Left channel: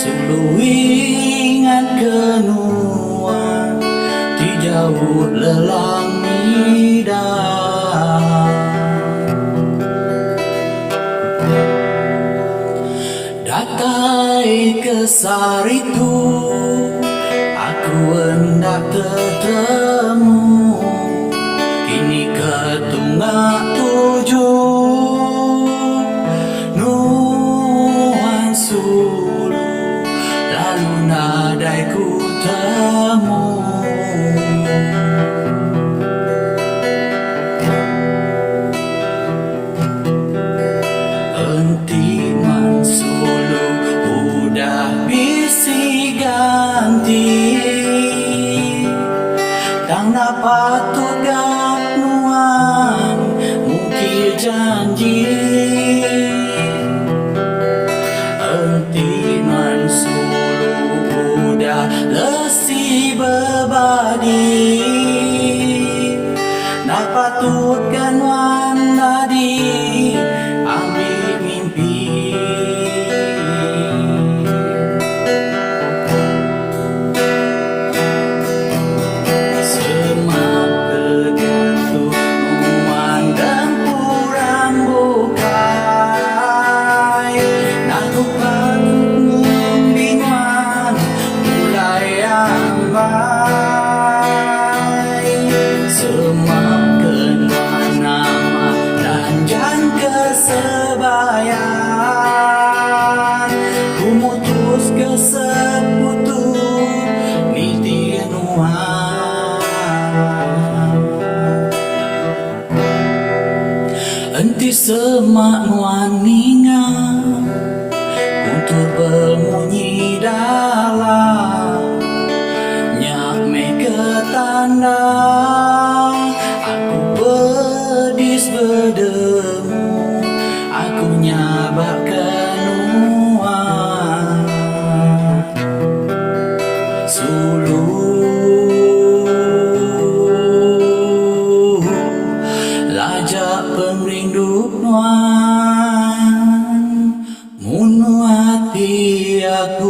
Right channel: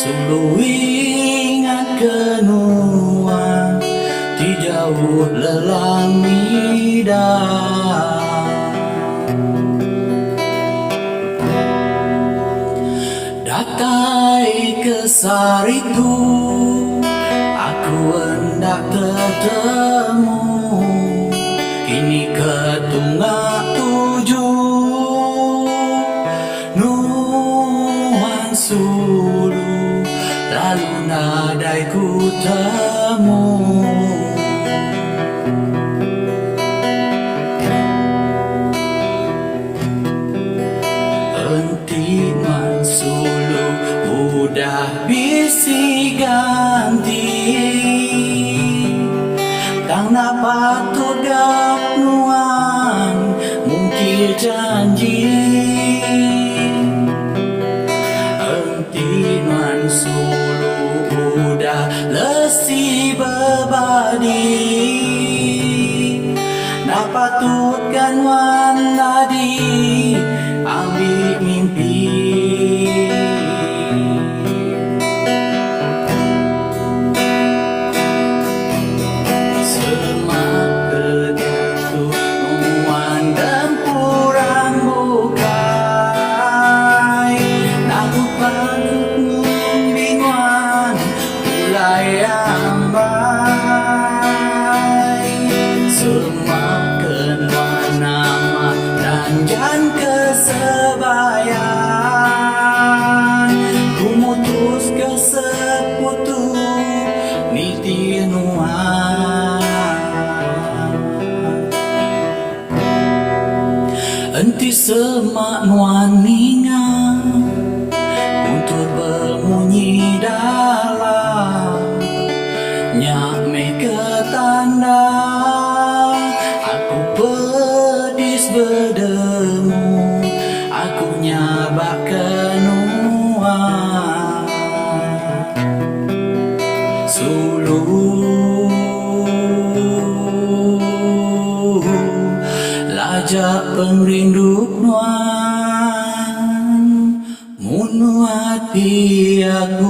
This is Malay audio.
Sulu ingat kenuan ti jauh lelang mida. Datai ke saritu aku hendak ketemu, kini ketunggak tujuh Nuhan Sulu lalu nadai ku temu. Enti Man Sulu udah bisi ganti, tang patut gak nuan mungkin janji. Enti Man Sulu udah lesi berbadi, nak patut kan wan tadi ambil mimpi. Jangan kesebayan ku mutus ke seputu niti nuan. Enti semak nuan ninga kuntur bermunyi dalam nyak me ketanda aku pedis berdemu, aku nyabak kenuan. Sulu lajak pengrinduk nuan, munu hati aku